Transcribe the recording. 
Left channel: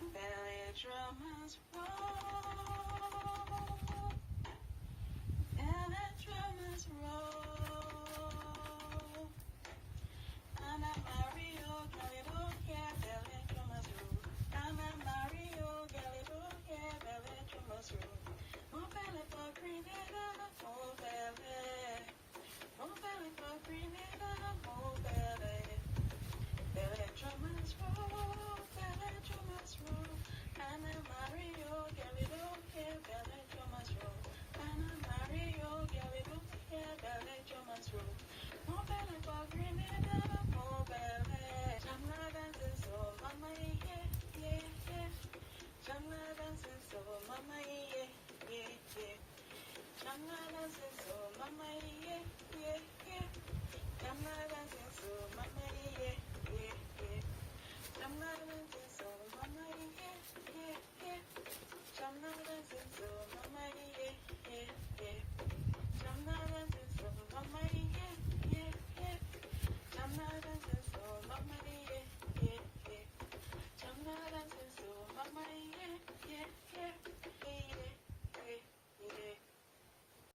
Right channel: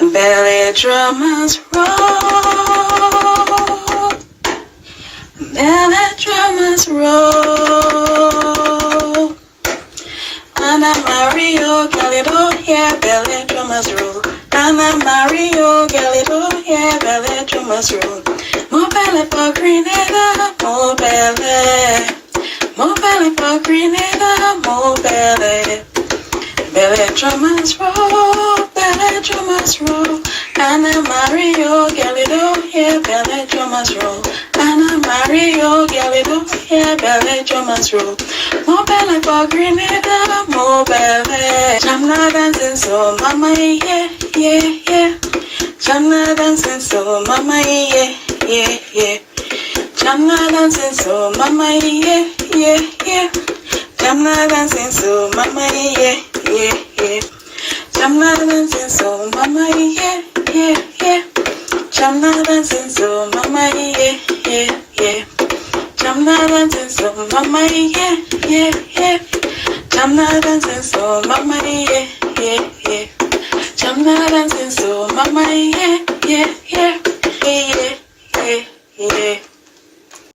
Bèlè drummers roll. Bèlè drummers roll. Anna Mario Galido, yeah, Bèlè drummers roll. Anna Mario Galido, yeah, Bèlè drummers roll. More Bèlè for Grenada, more Bèlè. More Bèlè for Grenada, more Bèlè. Bèlè drummers roll, Bèlè drummers roll. Anna Mario Galido, yeah, Bèlè drummers roll. Anna Mario Galido, yeah, Bèlè drummers roll. More Bèlè for Grenada, more Bèlè. Chamba dancing so mama, yeah, yeah, yeah. Chamba dancing so mama, yeah, yeah, yeah. Chamba dancing so mama, yeah, yeah, yeah. Chamba dancing so mama, yeah, yeah, yeah. Chamba dancing so mama, yeah, yeah, yeah. Chamba dancing so mama, yeah, yeah, yeah. Chamba dancing so mama, yeah, yeah, yeah. Chamba dancing so mama, yeah, yeah, yeah. Chamba dancing so mama, yeah.